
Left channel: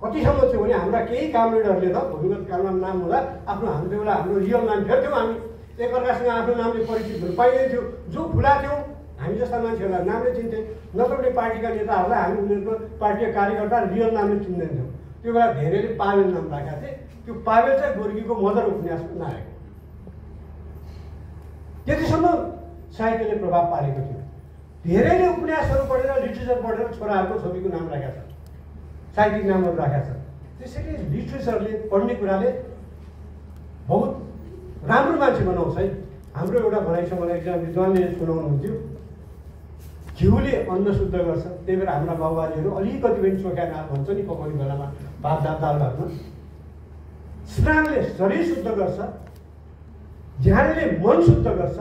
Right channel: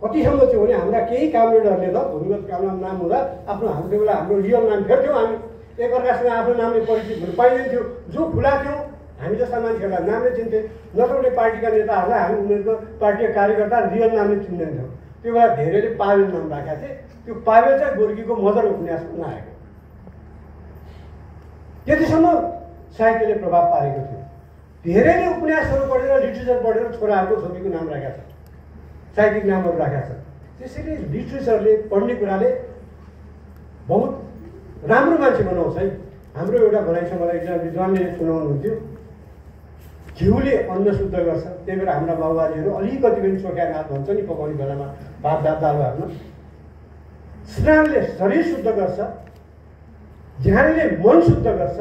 कतिसम्म थियो भने हाम्रा केही कामरेडहरूले त भूमिगत काममा नाम हुँदा हाम्रो बेला हाम्रो रियल नाम फेर्थ्यौँ। हामी एकअर्कासँग आफ्नो नामले परिचित हुनु पाइँदैन थियो। जो खुला थियौँ हामी जस्ता मान्छेहरूलाई नामले चिन्थे, नत्र भने पार्टीका नेताहरूलाई हामी उनीहरूको पार्टीका कार्यकर्ता रियल नामले चिन्दैनथ्यौँ। त्यो बेला धेरैले पावेल नाम राखेका थिए। त्यो पावेल चाहिँ गोर्कीको मदर उपन्यासमा आएको। त्यतिसम्म साहित्यले प्रभाव पारेको थियो। धेरैले उपन्यासहरू पढेर लिट्रेचर पढेर छोराहरूको छोरीको नाम राखेका छ, साहित्यिक नामहरू राखेका छ। त्यसैले लिट्रेचरले पढ्ने कुराले बहुत राम्रो मान्छे बनाउँछ है। हाम्रो एउटा भनाइ छ, मलाई एकजना विद्वानले सुनाउनुहुन्थ्यो, घिउले अन्न शुद्ध गर्छ। त्यही भएर हाम्रा बाबुबाजेहरू अलिकति पनि चोखा भात भन्छ नि पकाउने बेलामा, भात दाल भातमा। स्नानले शरीर शुद्ध गर्छ, ध्यानले मन शुद्ध गर्छ,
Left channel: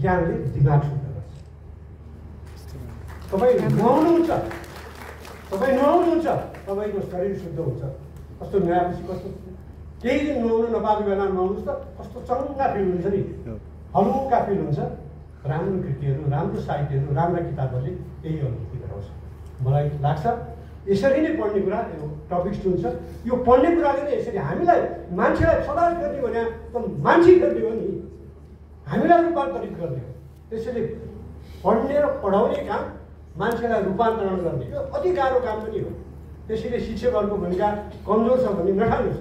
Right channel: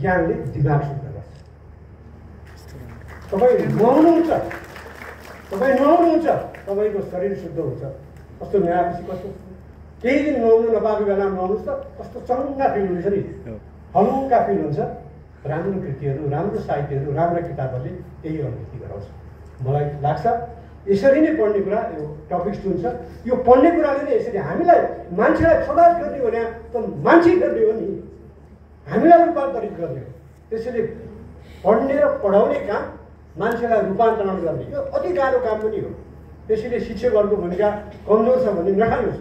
ज्ञानले दिमाग शुद्ध गर्छ। तपाईँ नुहाउनुहुन्छ, तपाईँको शरीर शुद्ध हुन्छ। कस्तो नुहाएपछि कस्तो केही दिन नुहाउनु नपाएको बेलामा नुहाउनुहोस् त कस्तो चङ्गा फिल हुन्छ नि, हल्का फिल हुन्छ। राम्रो कृतिहरू, राम्रो साहित्यहरू, राम्रो किताबहरूले यही अनुभूति गराउँछ। मलाई लाग्छ यसरी नै पढ्ने कुरा यो टपिक्स जुन छ, यो पढ्ने कुराले नै यसरी हामीलाई मान्छेलाई समाज गर्ने भने त मान्छे गर्ने हो नि, हामीलाई रूपान्तरित गर्ने हो। त्यसैले पढ्ने र पढाउने काम मान्छेलाई रूपान्तरण गर्ने यो अति गाह्रो काम पनि हो। त्यसैले शिक्षकहरूको भूमिका कमजोर छ भन्ने नठान्नुहोस्।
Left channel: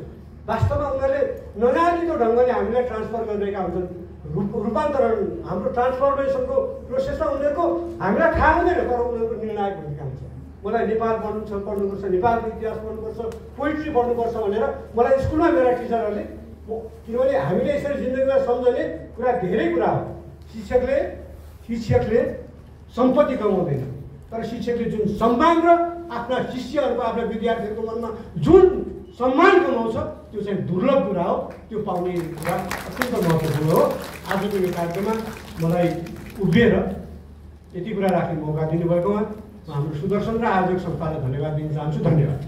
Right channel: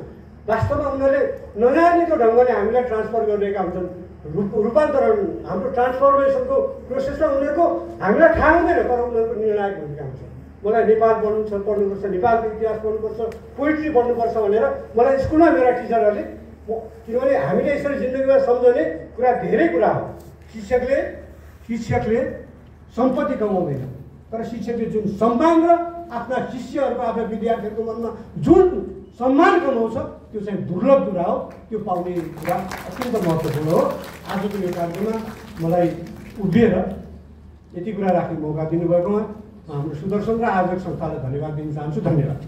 वास्तवमा उनीहरूले नजानेको ढङ्गले हामीलाई ट्रान्सफर गरिरहेका हुन्छन्। रूपान्तरण हाम्रो ट्रान्सफर्मेसनको प्रोसेसमा उनीहरूको हामीलाई थाहा हुँदैन, तर उनीहरूको निर्णायक भूमिका हुन्छ। मलाई नेपाल पढ्नुपर्छ, नेपालको इतिहास पढ्नुपर्छ, पोइट्री पढ्नुपर्छ भनेर मलाई स्कुलमा मेरा टिचरहरूले, किनभने हामीले यसरी जिन्दगीमा सम्झने कुरा धेरै कुरा हो। शिक्षकले सम्पत्ति कमाउँदैन, तर शिक्षकले जुन सम्मान र आफ्ना शिष्यहरूको, आफ्ना विद्यार्थीहरूको मनमा जुन सम्मान कमाउँछ त्यो चाहिँ दुर्लभ कुरा हो। त्यो पाउने कुरा अत्यन्त महत्त्वपूर्ण हो। आजको यो कार्यक्रममा मलाई उभिएर यति कुरा राख्ने मौका दिनुभएकोमा हाम्रो सुदर्शन र आयोजक संस्थालाई धन्यवाद दिन चाहन्छु। धन्यवाद।